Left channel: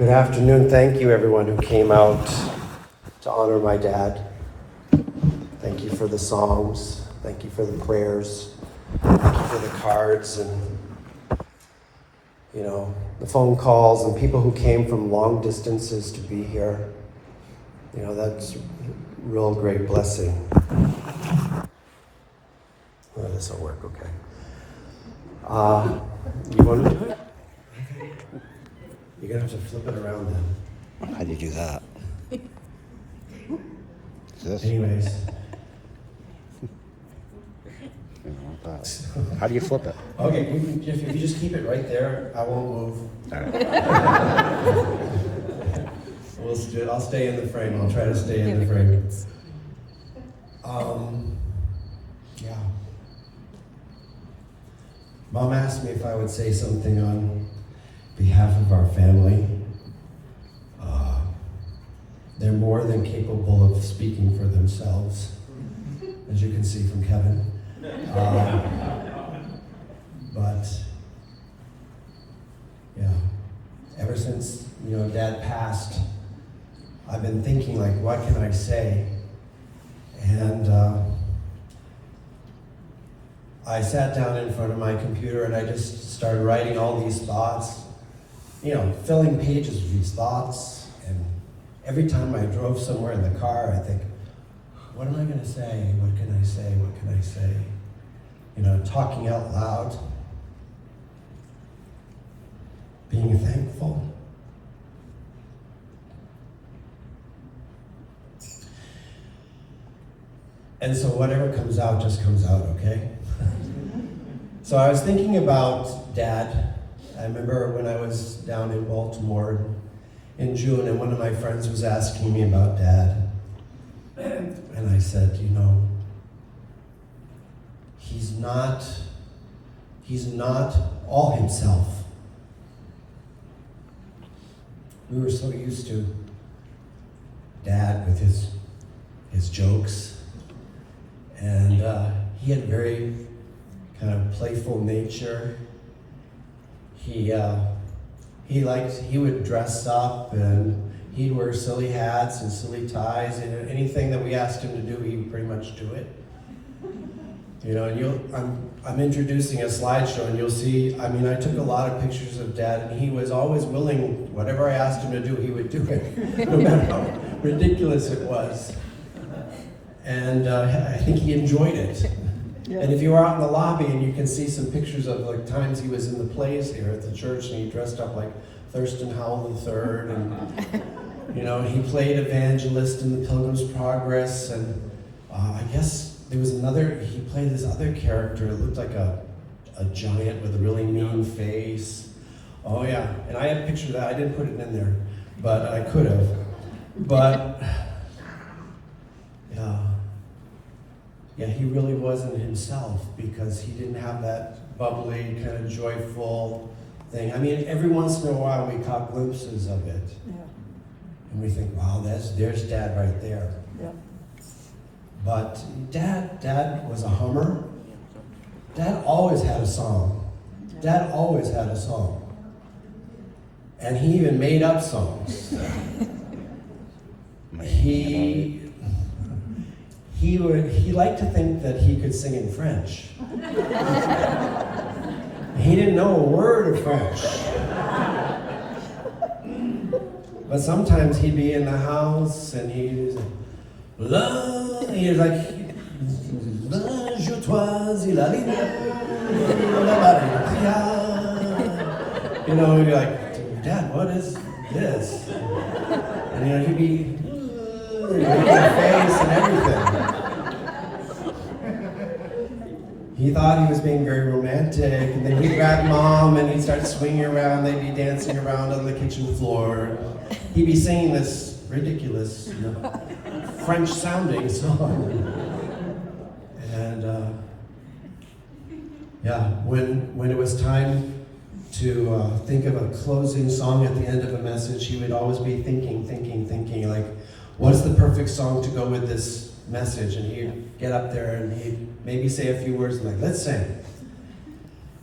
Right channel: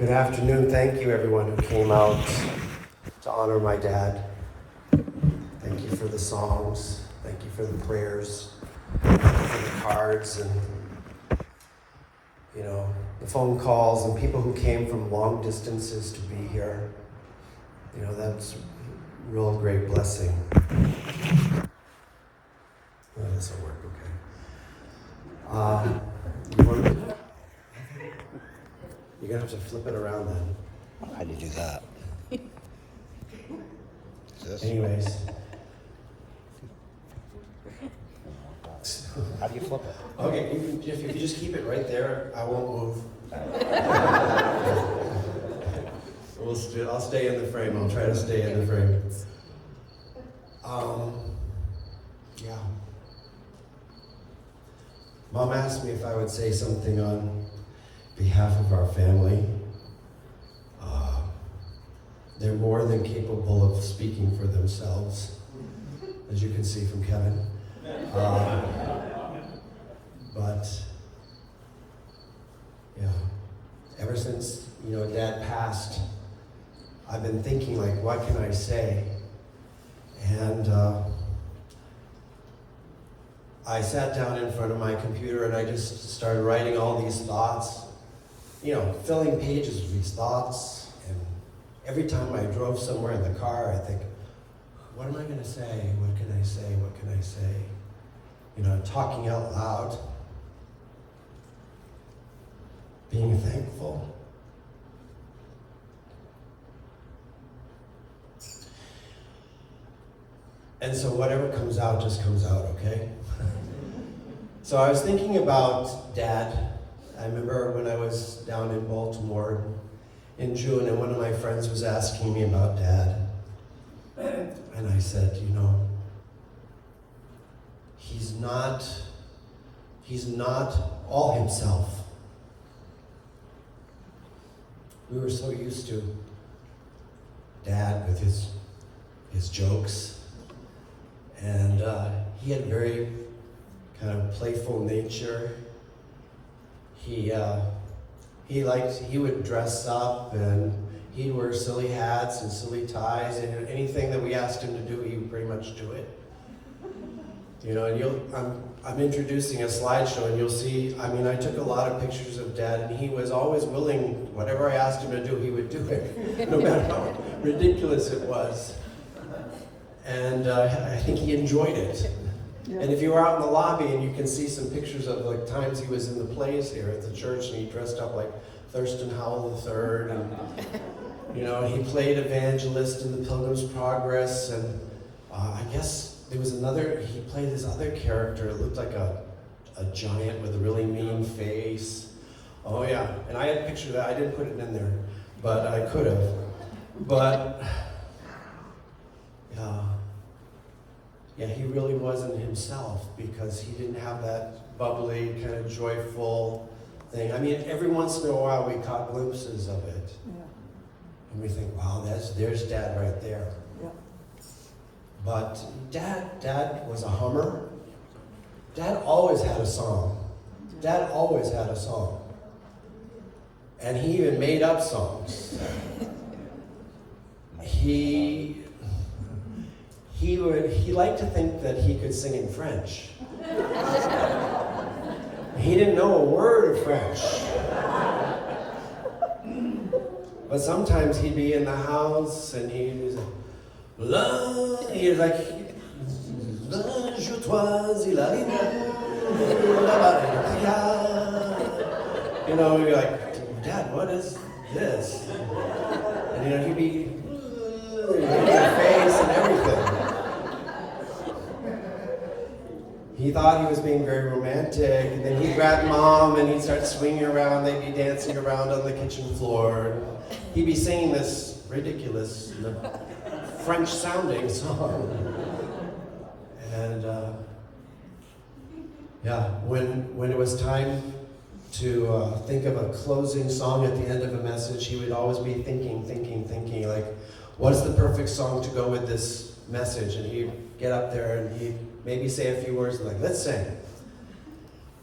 Good afternoon. Thank you, everyone who came out to honor my dad. Thank you for the songs. Thank you for the prayers. Thank you for the cards and, the phone calls and people who came from long distances to be here. That's a real great blessing. Oh, this will work, okay. You want me to? Okay. You're gonna have to flip it around then. How do you do that? Anyways. How do you flip it? Okay, if you just keep it right there, I won't move. I'll stay in the frame. I'll try to stay in the frame. Yeah. Mom asked me if I would say something on behalf of our family. They're more than capable of speaking for themselves, as you can see from Kevin. But yeah, ever since Dad passed, I've been thinking, what can I say? And I sat down in front of my computer and I just started writing all these thoughts, filling pages with these thoughts. And every time I drove somewhere in the car, I think, what am I going to say? What can I say? What can I say? Talking out loud, being thankful. And so whatever comes out just comes out, okay? So I was thinking about Dad. I remember when I was down in Baltimore in June, and one of my friends was asking me about Dad. And I said, he's not all himself. We were so used to Dad with his jokes, and he had a very kind of playful nature. He would dress up and he'd wear silly hats and silly ties, and anything that we asked him to do, he would pretty much do it. And I'm introducing a slideshow, and you'll see, I took a lot of pictures of Dad, and he was always willing, whatever I asked him to do, he would do it, no matter how ridiculous it was. And I think he enjoyed it. Yeah. And if you were out in the lobby, and you can see some pictures of times he was in the plays here at the church, and he dressed up like Thurston Howell III, and he played evangelist in the Pilgrim's Progress, and I guess there was he played this other character. It looked like a giant with a really mean face. Oh yeah, and I had a picture of that. I didn't put it in there, but I could have. But yeah, he really wasn't himself, because he didn't have that bubbly, kind of joyful thing. Every once in a while we caught glimpses of it. Yeah. And we think, wow, there's Dad right there. Yeah. But Dad was a hummer. Dad always had a song. Dad always had a song. And he even made up songs. He liked to think that he could sing in French. He didn't know a word of French. But sometimes he'd be in the house and he's like, je toisis la ligne, we'd be like, Dad, what is this? And he'd be making a face and everything. He thought he was being very romantic, and then he'd grab Mom and he'd start swinging around. They'd be dancing around on the kitchen floor. He'd be singing this ridiculous French-sounding song. And when it was time to think of a closing song at the end of a message, he would always be thinking, like, what's the perfect song to go with this message? And he'd get up there and he'd maybe say a few words, like, let's sing.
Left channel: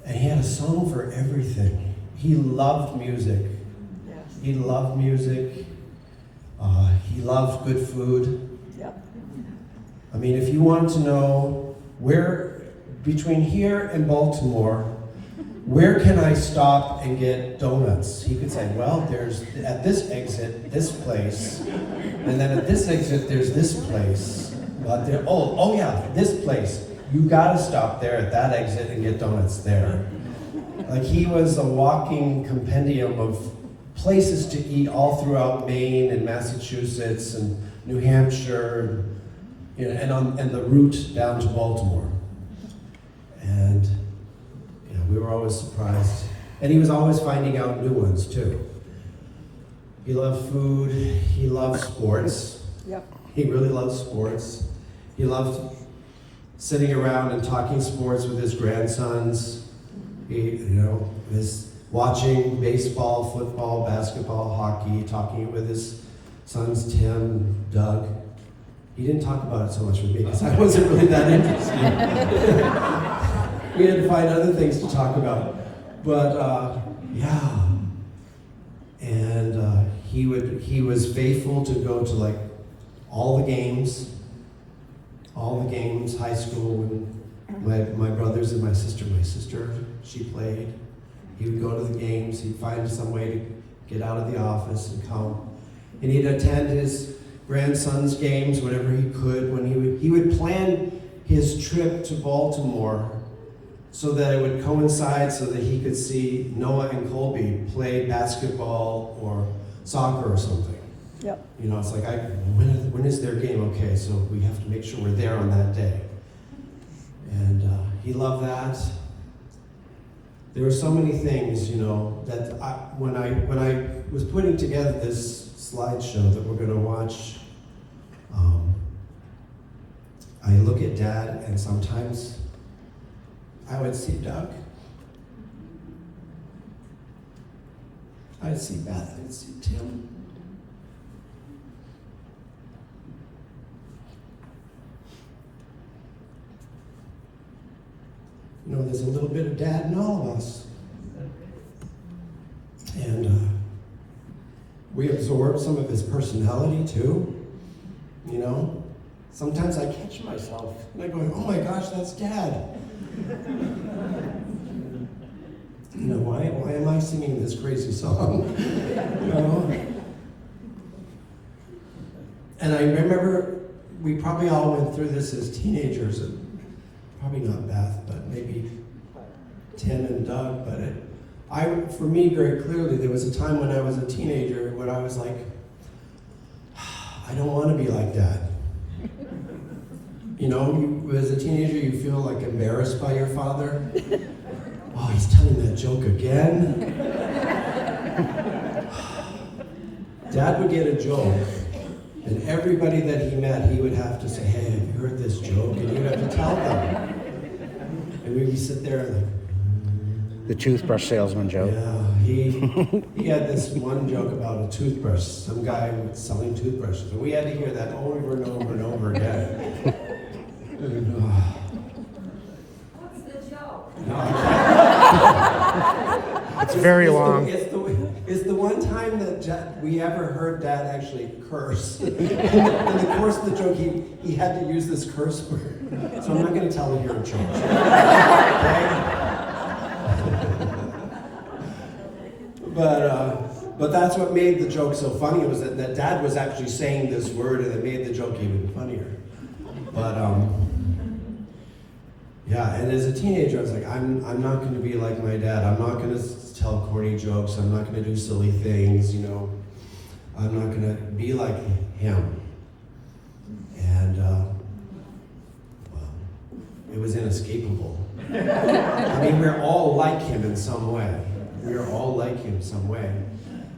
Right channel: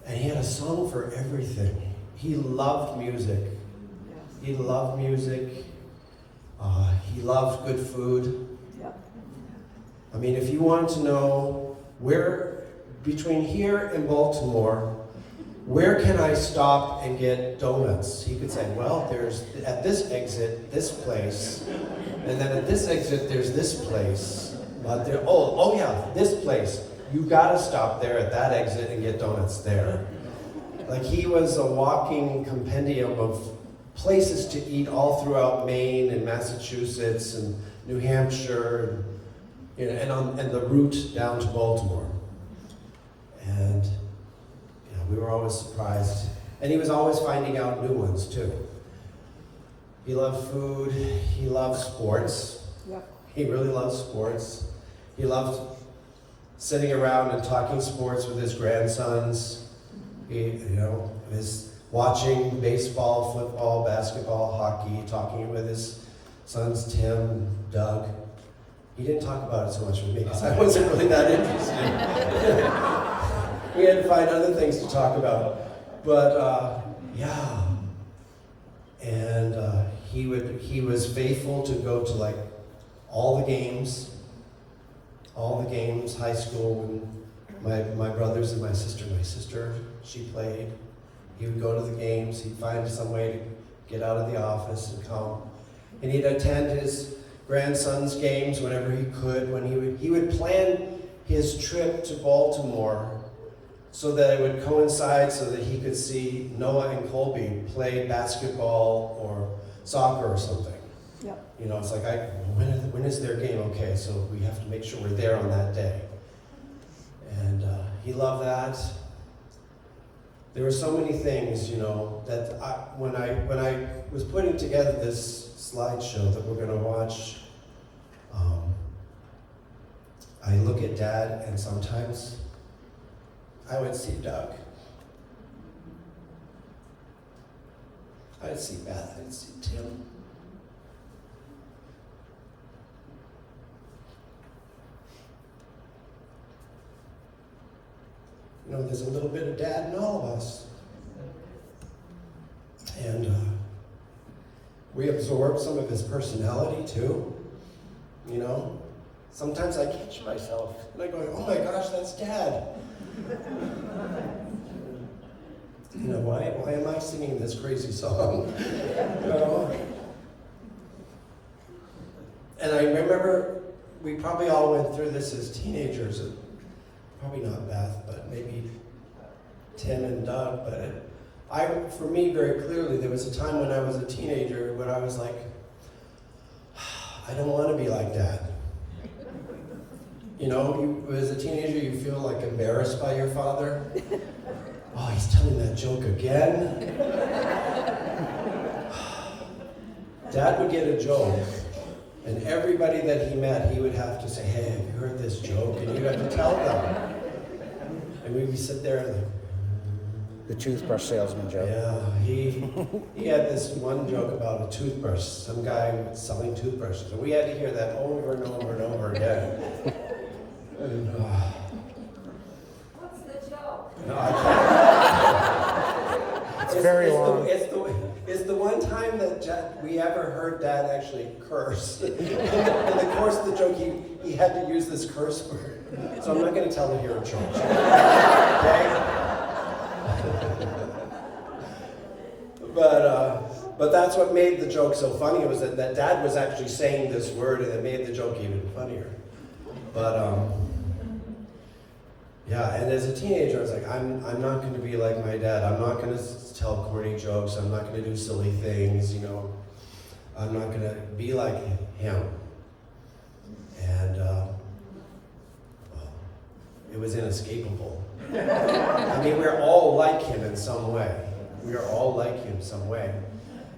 And he had a song for everything. He loved music. He loved music. He loved good food. Yep. I mean, if you want to know where, between here and Baltimore, where can I stop and get donuts? He could say, well, there's at this exit, this place, and then at this exit, there's this place. But there, oh yeah, this place. You gotta stop there at that exit and get donuts there. Like he was a walking compendium of places to eat all throughout Maine and Massachusetts and New Hampshire, you know, and the route down to Baltimore. And yeah, we were always surprised. And he was always finding out new ones too. He loved food, he loved sports. Yep. He really loved sports. He loved sitting around and talking sports with his grandsons. He, you know, was watching baseball, football, basketball, hockey, talking with his sons Tim, Doug. He didn't talk about it so much with me because I wasn't really that interested. We had to find other things to talk about. But yeah, and he was faithful to go to like all the games, high school when my brothers and my sister, she played. He would go to the games, he'd find some way to get out of the office and come. And he'd attend his grandson's games whenever he could. When he would plan his trip to Baltimore so that it would coincide so that he could see Noah and Colby play basketball or soccer or something. Yep. You know, it's like, when is their game? Okay, so we have to make sure we're there on that day. And he loved that. There were so many things, you know, that when I was putting together this slideshow that we're going to watch, I look at Dad, and sometimes I would see Doug. I'd see Beth, I'd see Tim. You know, there's a little bit of Dad in all of us. And we absorb some of his personality too, you know? Sometimes I catch myself and I go, oh my gosh, that's Dad. You know, why am I singing this crazy song? You know? And I remember we probably all went through this as teenagers, and probably not Beth, but maybe Tim and Doug, but for me, very clearly, there was a time when I was a teenager when I was like, I don't want to be like Dad. You know, as a teenager, you feel like embarrassed by your father. Oh, he's telling that joke again. Dad would get a joke, and everybody that he met, he would have to say, hey, have you heard this joke? And he'd have to tell them. And we'd sit there like, The toothbrush salesman joke. yeah, he had this one joke about a toothbrush, some guy selling toothbrushes, and we had to hear that over and over and over again. And, What's the joke? no, I can't. It's very long. It's the one time that we ever heard Dad actually curse. In the course of the joke, he had to use this curse word. So I'm not going to tell it here in church. Okay? But that's what made the joke so funny, was that Dad was actually saying this word, and it made the joke even funnier. But yeah, and as a teenager, I was like, I'm not going to be like my dad. I'm not going to tell corny jokes. I'm not going to do silly things, you know. I'm not going to be like him. And well, it was inescapable. I mean, we're all like him in some way. We are all like him some way.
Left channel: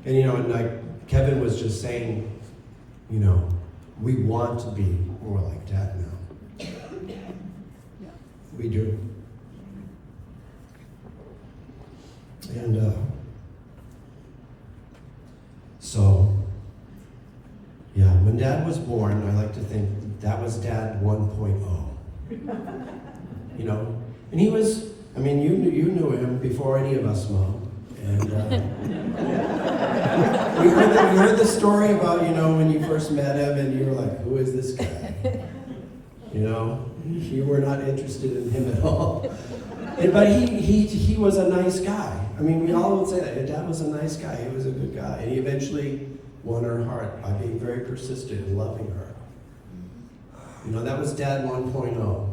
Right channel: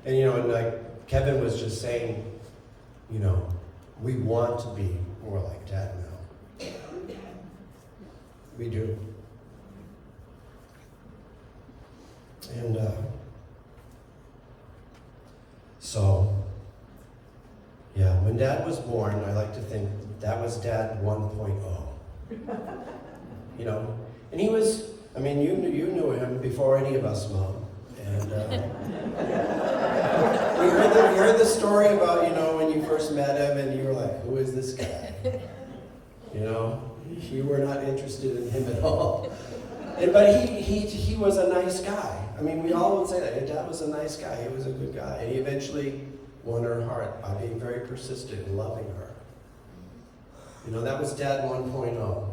And you know, and like Kevin was just saying, you know, we want to be more like Dad now. We do. And so, yeah, when Dad was born, I like to think that was Dad 1.0. You know, and he was, I mean, you knew him before any of us, Mom. And You heard the story about, when you first met him and you were like, who is this guy? You were not interested in him at all. But he was a nice guy. I mean, we all would say that. Your dad was a nice guy. He was a good guy. And he eventually won her heart by being very persistent and loving her. That was Dad 1.0.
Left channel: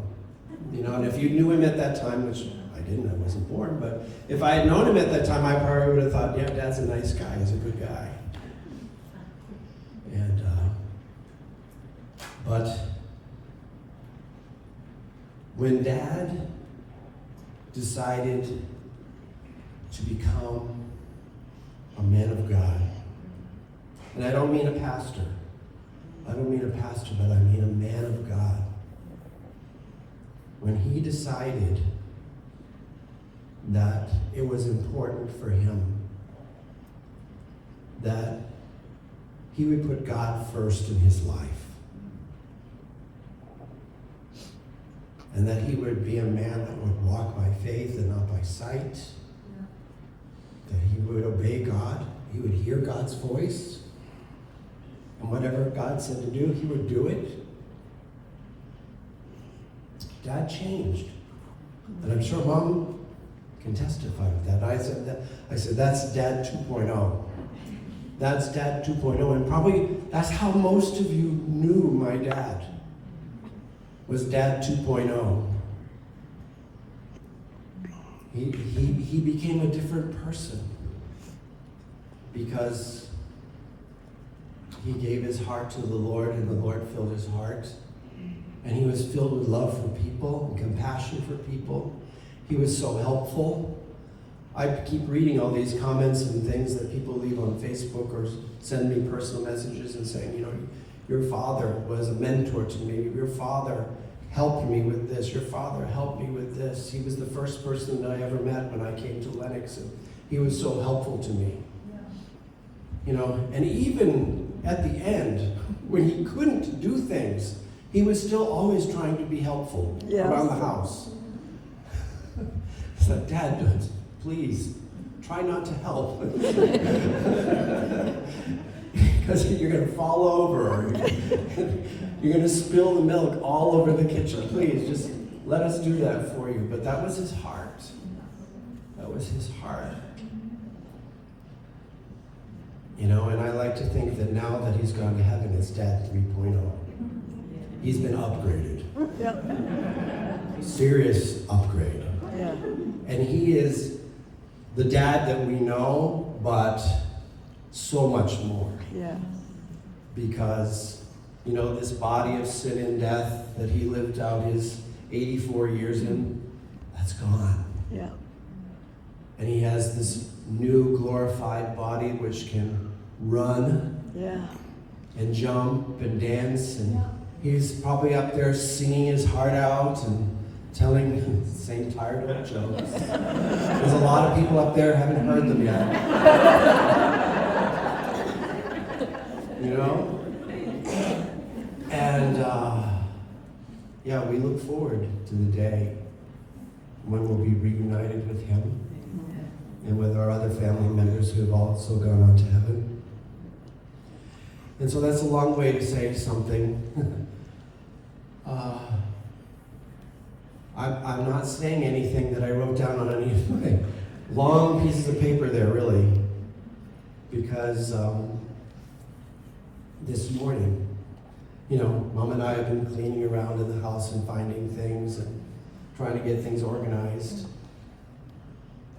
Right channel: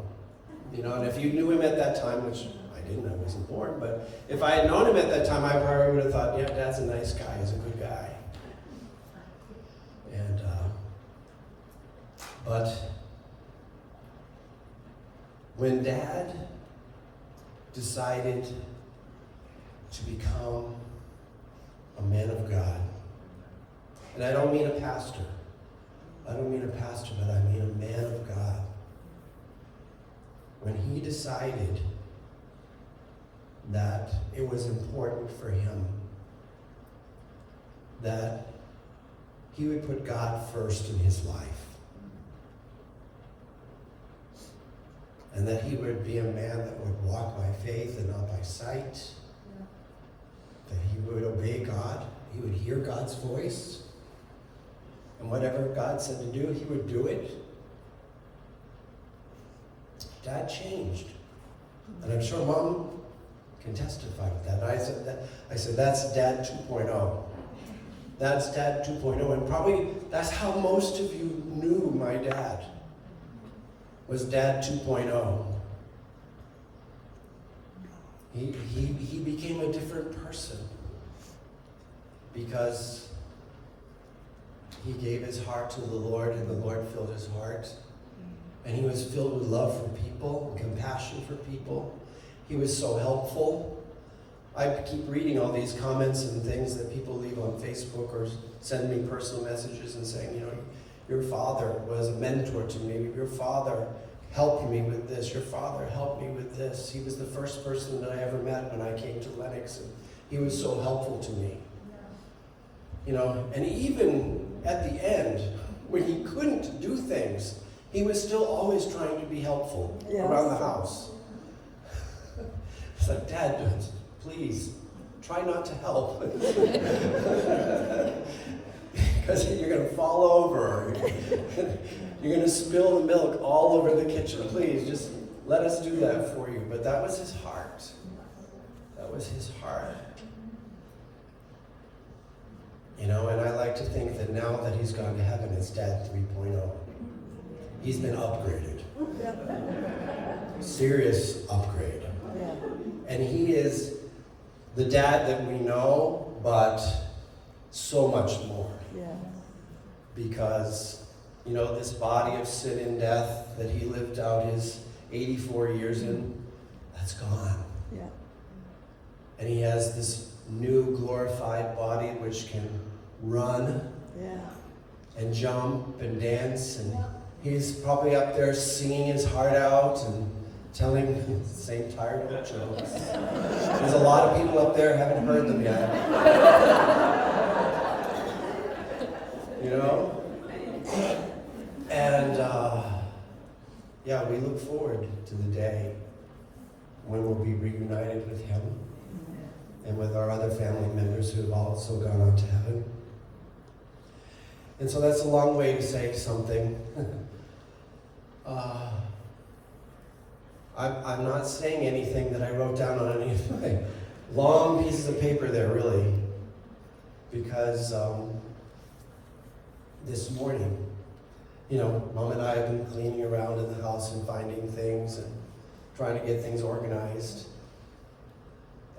And if you knew him at that time, which I didn't, I wasn't born, but if I had known him at that time, I probably would have thought, yeah, Dad's a nice guy. He's a good guy. And, but when Dad decided to become a man of God, and I don't mean a pastor, but I mean a man of God. When he decided that it was important for him that he would put God first in his life, and that he would be a man that would walk by faith and not by sight, that he would obey God, he would hear God's voice, and whatever God said to do, he would do it. Dad changed. And I'm sure Mom can testify to that. I said, that's Dad 2.0. That's Dad 2.0. And probably that's how most of you knew my dad, was Dad 2.0. He became a different person because he gave his heart to the Lord, and the Lord filled his heart. And he was filled with love for people and compassion for people. He was so helpful. I keep reading all these comments and things that people leave on Facebook or send me personal messages and saying, your father was a mentor to me. Your father helped me with this. Your father helped me with this. He was the first person that I ever met when I came to Lennox, and he was so helpful to me. And even at the end, when he couldn't do things, he was still always trying to be helpful around the house. So, Dad, please, try not to help. Because you're going to fall over, or you're going to spill the milk all over the kitchen. Please, just let us do that for you. But that was his heart. That was his heart. And I like to think that now that he's gone to heaven, it's Dad 3.0. He's been upgraded. Yep. Serious upgrade. Yeah. And he is the dad that we know, but so much more. Yeah. Because, this body of sin and death that he lived out his 84 years in, that's gone. Yeah. And he has this new glorified body which can run and jump and dance, and he's probably up there singing his heart out and telling the same tired old jokes. There's a lot of people up there who haven't heard them yet. And we look forward to the day when we'll be reunited with him and with our other family members who have also gone on to heaven. And so that's a long way to say something. I'm not saying anything that I wrote down on any of my long pieces of paper there, really, because this morning, Mom and I have been cleaning around in the house and finding things and trying to get things organized.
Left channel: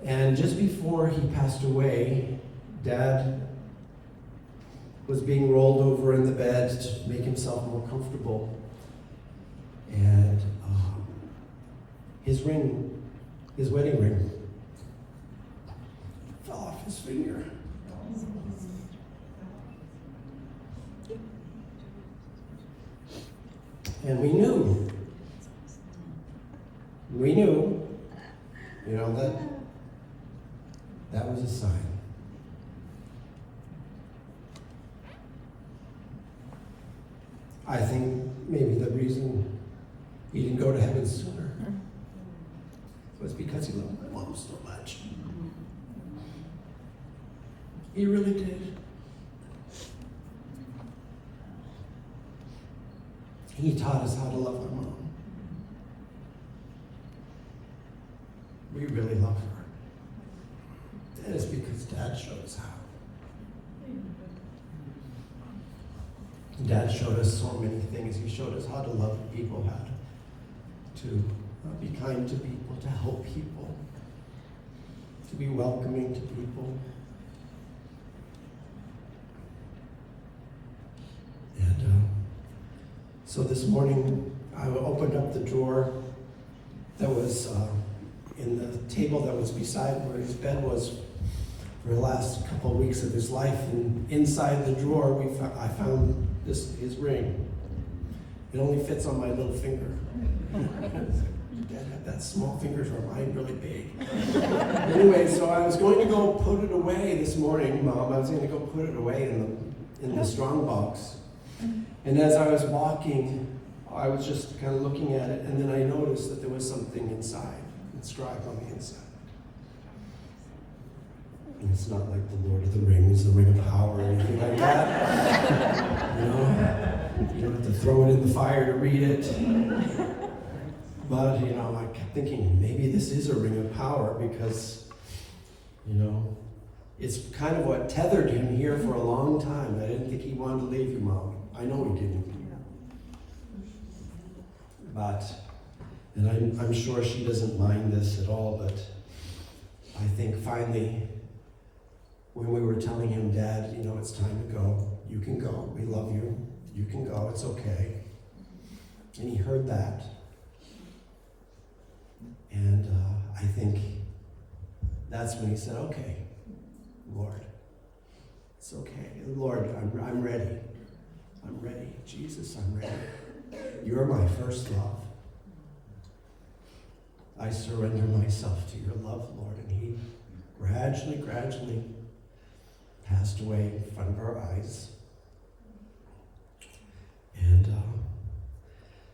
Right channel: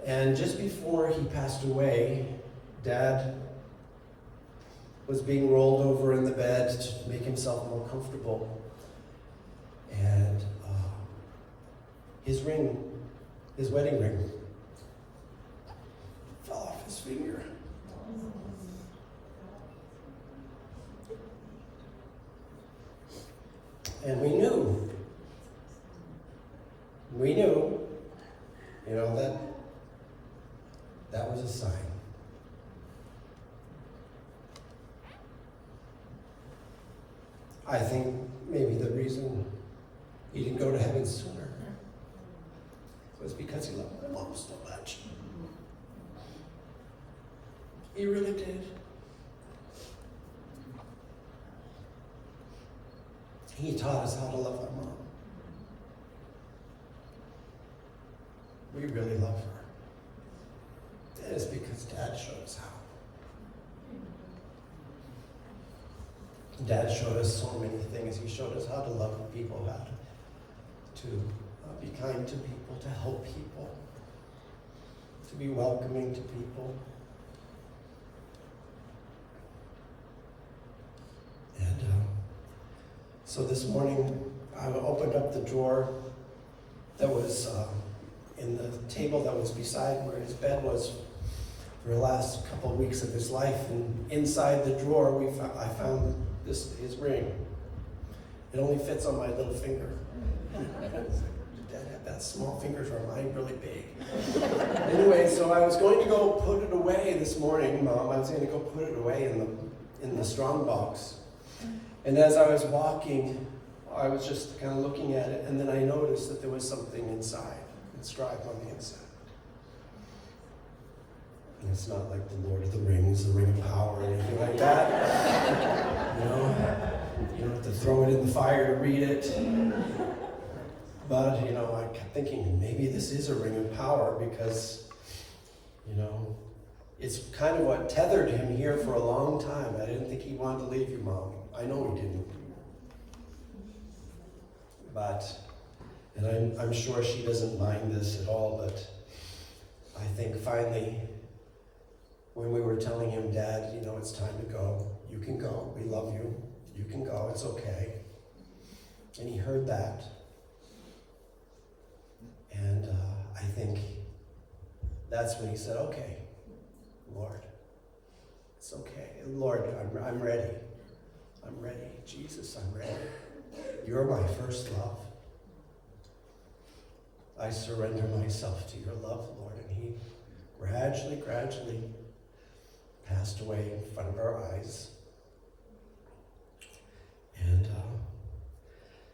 And just before he passed away, Dad was being rolled over in the bed to make himself more comfortable. And his wedding ring, fell off his finger. And we knew, that was a sign. I think maybe the reason he didn't go to heaven sooner was because he loved my mom so much. He really did. He taught us how to love our mom. We really love her. And it's because Dad showed us how. Dad showed us so many things. He showed us how to love people, how to be kind to people, to help people, to be welcoming to people. And so this morning, I opened up the drawer that was in the table that was beside where his bed was for the last couple of weeks of his life. And inside the drawer, I found his ring. It only fits on my little finger. Dad had that small fingers, or mine really big. Anyway, so I was going to go put it away this morning, Mom. I was going to go put it away in the strong box. And as I was walking, I was just kind of looking at it, and then I noticed that there was something inside, inscribed on the inside. And it's not like the Lord of the Rings, the Ring of Power, or anything like that. You know, you don't have to throw it in the fire to read it. But, you know, I kept thinking, maybe this is a ring of power because, you know, it's kind of what tethered him here for a long time. I didn't think he wanted to leave you, Mom. I know he didn't. But, and I'm sure she doesn't mind this at all, but I think finally, when we were telling him, Dad, you know, it's time to go. You can go. We love you. You can go. It's okay. And he heard that. And I think that's when he said, okay, Lord, it's okay. Lord, I'm ready. I'm ready. Jesus, I'm ready. You're my first love. I surrender myself to your love, Lord. And he gradually passed away in front of our eyes. And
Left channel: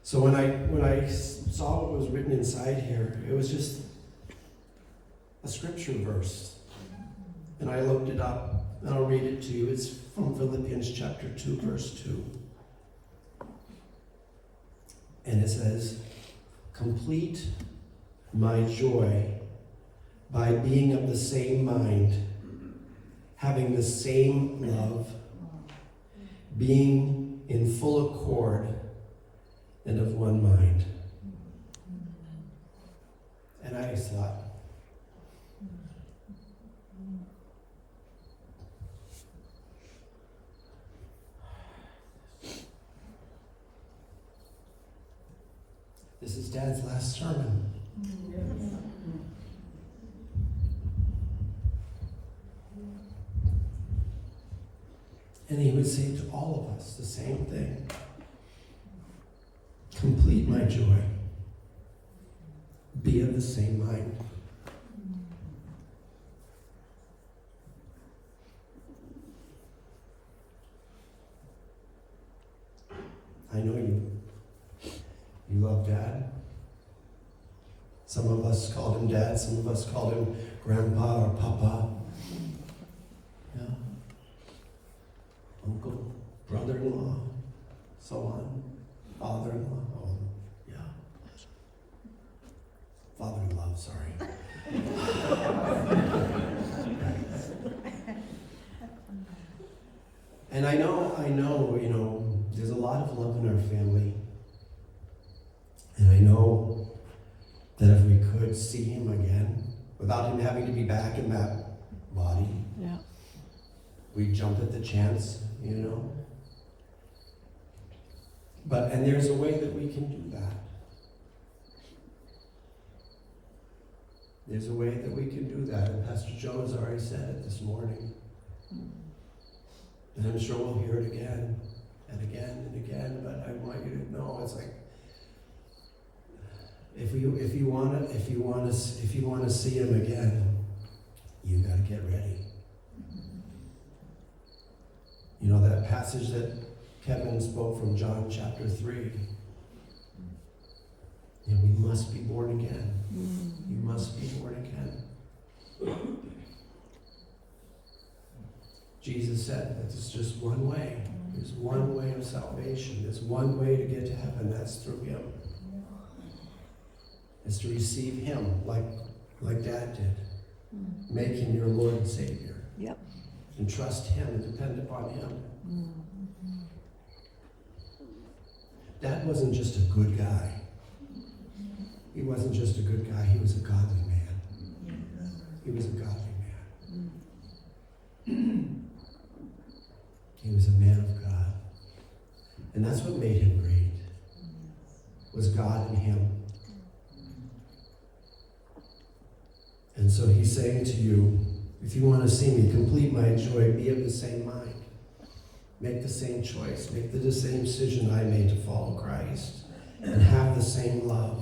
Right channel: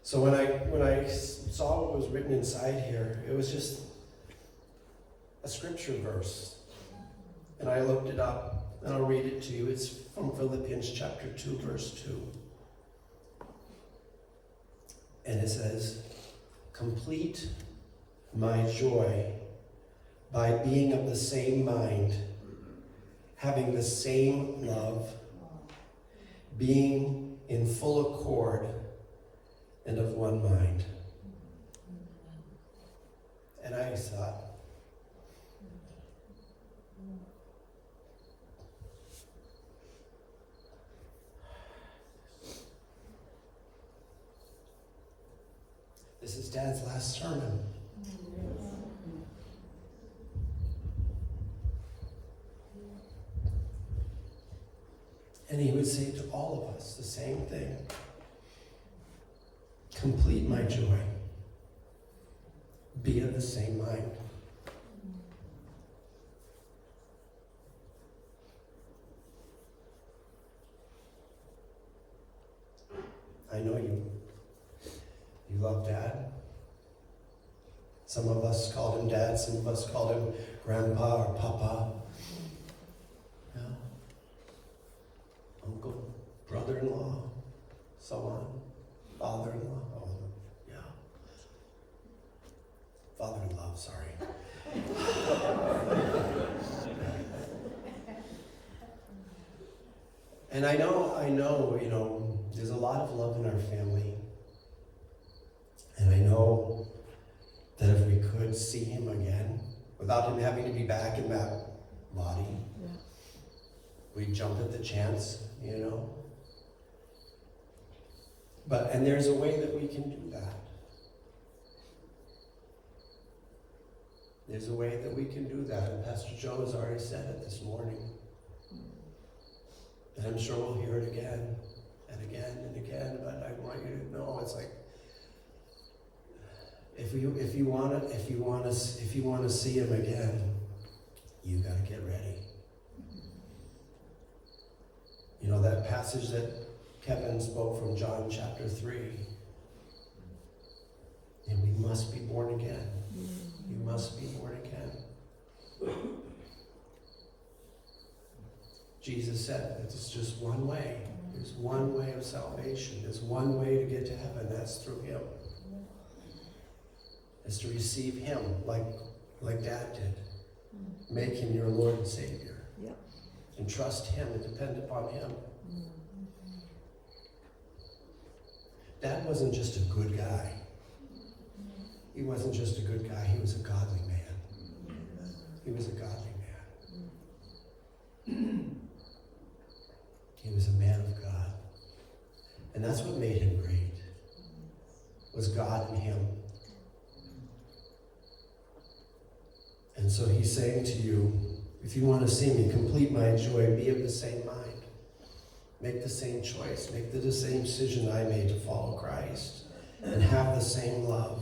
so when I saw what was written inside here, it was just a scripture verse. And I looked it up, and I'll read it to you. It's from Philippians chapter 2, verse 2. And it says, complete my joy by being of the same mind, having the same love, being in full accord and of one mind. And I thought, this is Dad's last sermon. And he would say to all of us the same thing. Complete my joy. Be of the same mind. I know you love Dad. Some of us called him Dad, some of us called him Grandpa or Papa. Yeah. Uncle, brother-in-law, so on. Father-in-law, oh, yeah. Father-in-law, sorry. And I know, you know, there's a lot of love in our family. And I know that if we could see him again, without him having to be back in that body, yeah, we'd jump at the chance, you know. And there's a way that we can do that. There's a way that we can do that, and Pastor Joe has already said it this morning. And I'm sure we'll hear it again and again and again, but I want you to know it's like, if you want to see him again, you got to get ready. You know that passage that Kevin spoke from John chapter 3. And we must be born again. You must be born again. Jesus said that it's just one way. There's one way of salvation. There's one way to get to heaven. That's through him. It's to receive him like Dad did. Make him your Lord and Savior. Yep. And trust him and depend upon him. Dad wasn't just a good guy. He wasn't just a good guy. He was a godly man. He was a godly man. He was a man of God. And that's what made him great. Was God in him. And so he's saying to you, if you want to see me complete my joy, be of the same mind. Make the same choice. Make the same decision I made to follow Christ. And have the same love.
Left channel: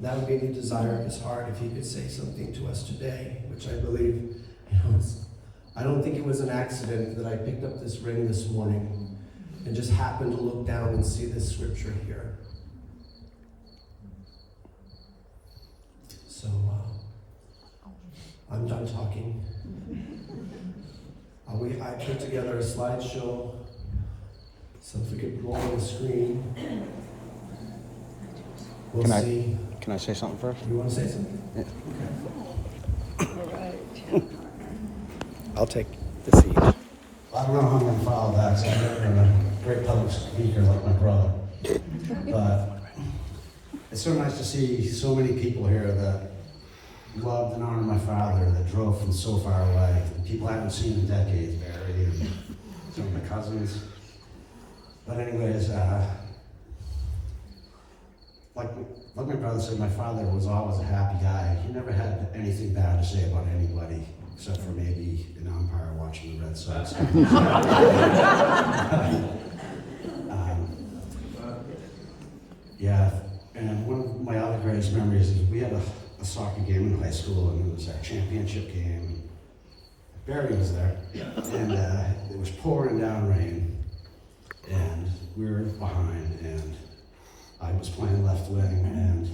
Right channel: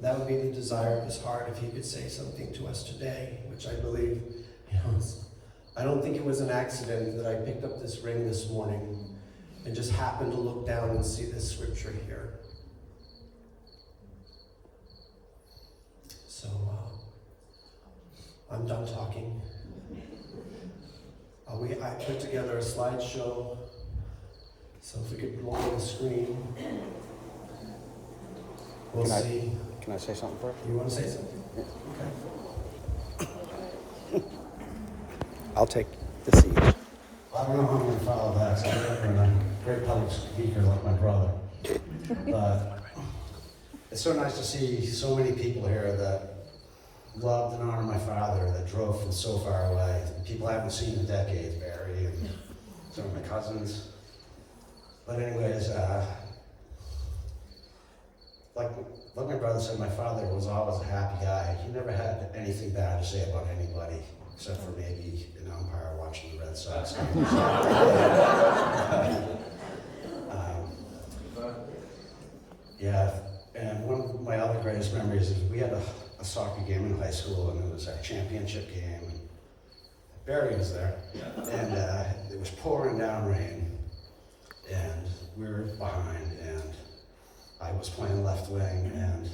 That would be the desire of his heart if he could say something to us today, which I believe, I don't think it was an accident that I picked up this ring this morning and just happened to look down and see this scripture here. So, I'm done talking. I put together a slideshow, so if we could go on the screen, we'll see. Can I say something first? You want to say something? Okay. I'll take the seat. I don't know how I'm going to follow that, so I've never been a great public speaker like my brother. But it's so nice to see so many people here that loved and honored my father, that drove from so far away. People I haven't seen in decades, Barry and some of my cousins. But anyways, like my brother said, my father was always a happy guy. He never had anything bad to say about anybody, except for maybe an umpire watching the Red Sox. Yeah, and one of my other greatest memories is we had a soccer game in high school, and it was a championship game. And Barry was there, and it was pouring down rain, and we were behind, and I was playing left wing, and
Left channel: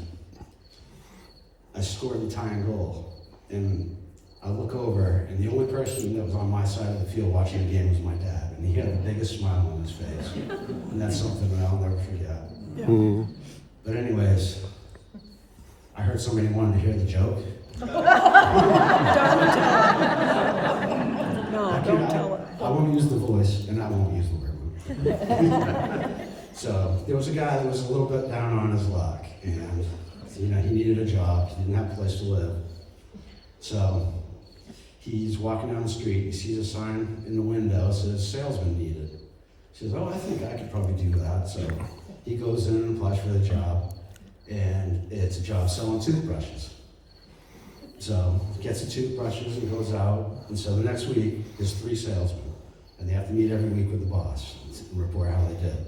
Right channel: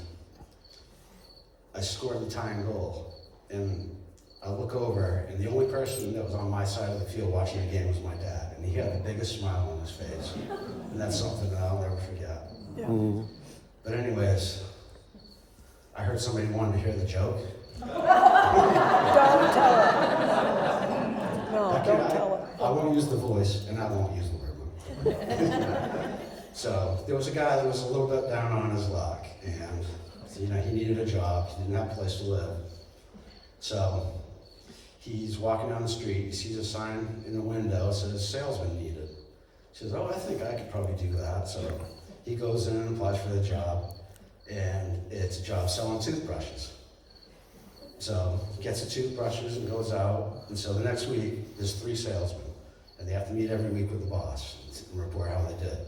I scored the tying goal. And I look over, and the only person that was on my side of the field watching the game was my dad, and he had the biggest smile on his face, and that's something that I'll never forget. But anyways, I heard somebody wanted to hear the joke. No, don't tell him. I won't use the voice, and I won't use the word. So there was a guy that was a little bit down on his luck, and he needed a job. He didn't have a place to live. So he's walking down the street. He sees a sign in the window that says "salesman needed." He says, "Oh, I think I could probably do that." So he goes in and applies for the job, and it's a job selling toothbrushes. So he gets the toothbrushes and goes out, and so the next week there's 3 salesmen, and they have to meet every week with the boss and report how they did.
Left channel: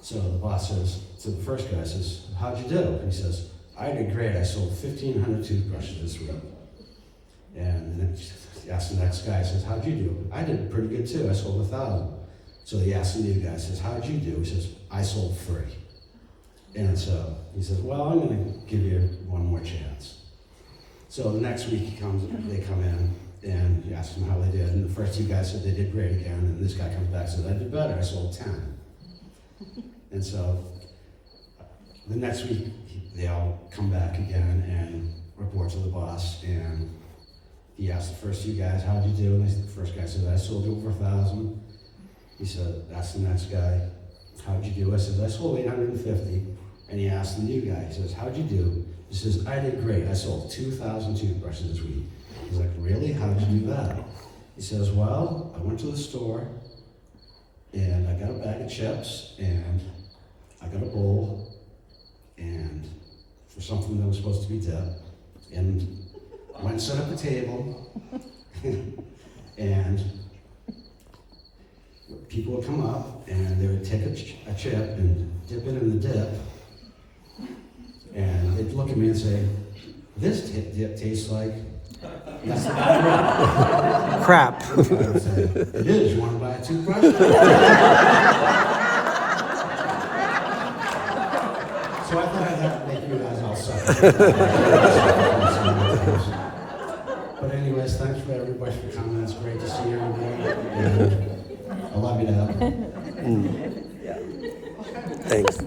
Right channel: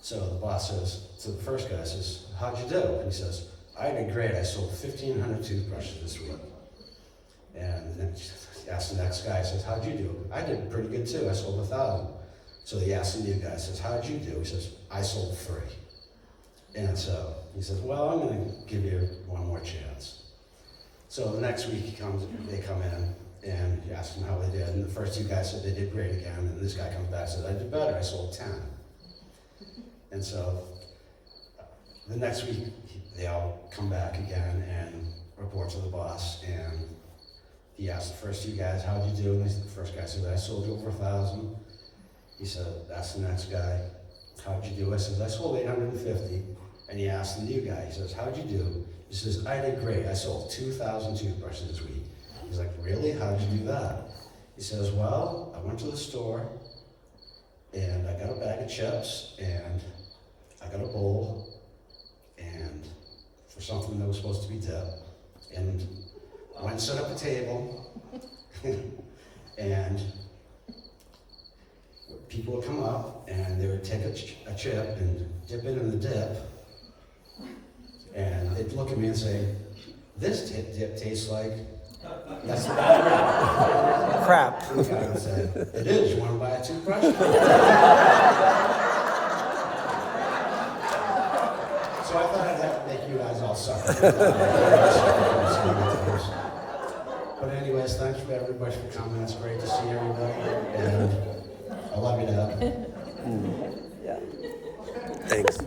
So the boss says to the first guy, says, "How'd you do?" And he says, "I did great. I sold 1,500 toothbrushes this week." And then he asks the next guy, says, "How'd you do?" "I did pretty good too. I sold 1,000. So he asks the new guy, says, "How'd you do?" He says, "I sold 3. And so he says, "Well, I'm going to give you one more chance." So the next week they come in, and he asks them how they did. And the first 2 guys said they did great again. And this guy comes back and says, "I did better. I sold 10. And so the next week they all come back again and report to the boss. And he asked the first 2 guys, "How'd you do?" And the first guy said, "I sold over 1,000. He said, "That's the next guy. How'd you do?" I said, "I sold 850. And he asked the new guy, he says, "How'd you do?" He says, "I did great. I sold 2,000 toothbrushes this week." He's like, "Really? How'd you do that?" He says, "Well, I went to the store, and I got a bag of chips, and I got a bowl, and for something that was supposed to be dip, and I went and set up a table, and people would come up, and they would take a chip and dip it in the dip, and they'd look at me and say, 'This dip tastes like..." That's the Crap. I would say, "It is. You want to buy a toothbrush?" So I thought I'd have to make you guys all suffer. But anyways, thanks for everybody for coming. It's great to see everybody. And it up. Thanks.